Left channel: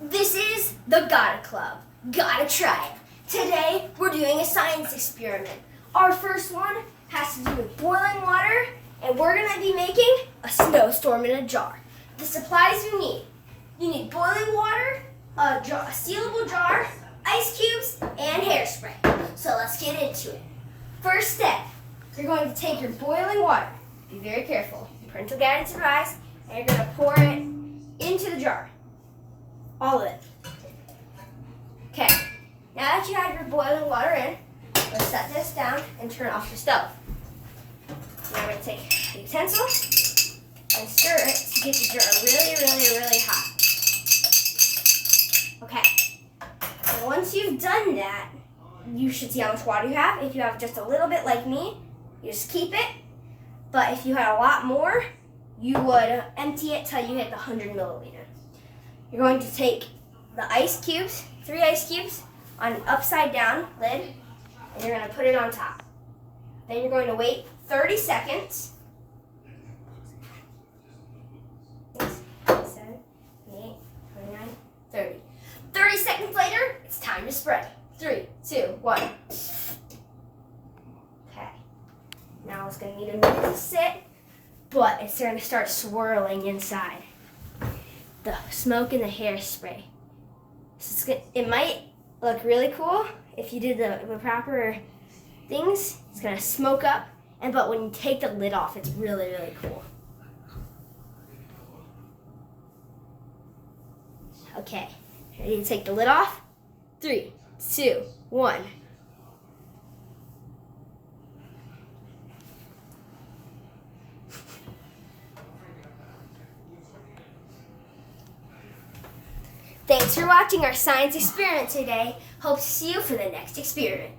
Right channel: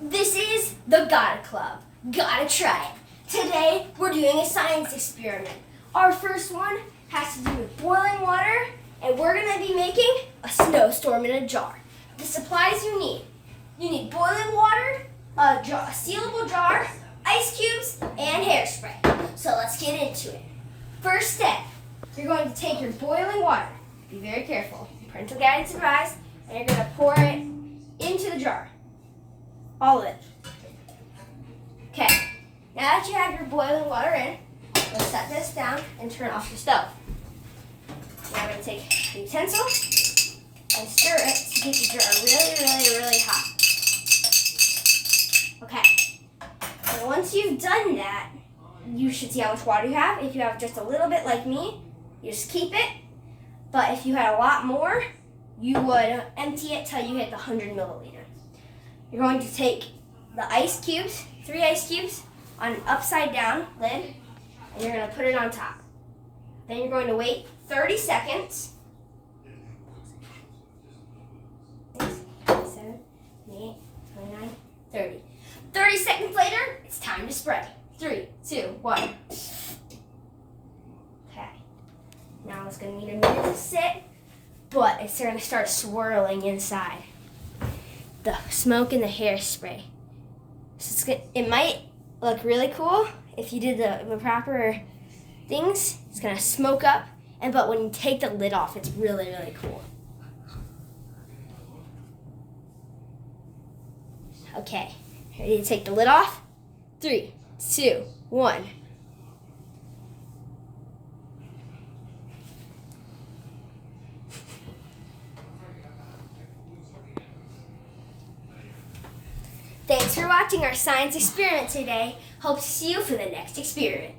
This is the Gotta Club. Gotta try it. Today, we're doing a science experiment. Our first one has to do with boiling water, and we're gonna be making a snowstorm in a jar. The supplies you need boiling water, a sealable jar, ice cubes, and hairspray. So let's get into it. First step, you're going to take your boiling water. Be very careful. Parental guidance advised, and you're gonna pour it into the jar. All of it. Okay, now that you have your boiling water in, let's set this down and turn off the stove. Now we're going to take a utensil and stir it to get the jar really hot. Okay, and once you've done that, you should see how much water you have. If you have just a little bit like me, you just keep it. But if you had a lot more, you would empty it till you hit the 100 milliliter. You're going to take the ice cubes, 3 ice cubes, on an upside down lid, and you're going to put it on top. Then you're going to wait 30 seconds. 6, 7, 8, 29, 30. 30 seconds later, it's time to spread. 3, 2, 1. Okay. Now it's going to need a minute to sit, but it's going to start swirling inside. The smoke and the hairspray. So it might look really cool if you did the proper things. It's gonna smoke up, but when you take the lid off, it's really cool. Okay, ready to take the lid off? 3, 2, 1. Thanks for watching our science experiment today. Hope to see you for the next experiment.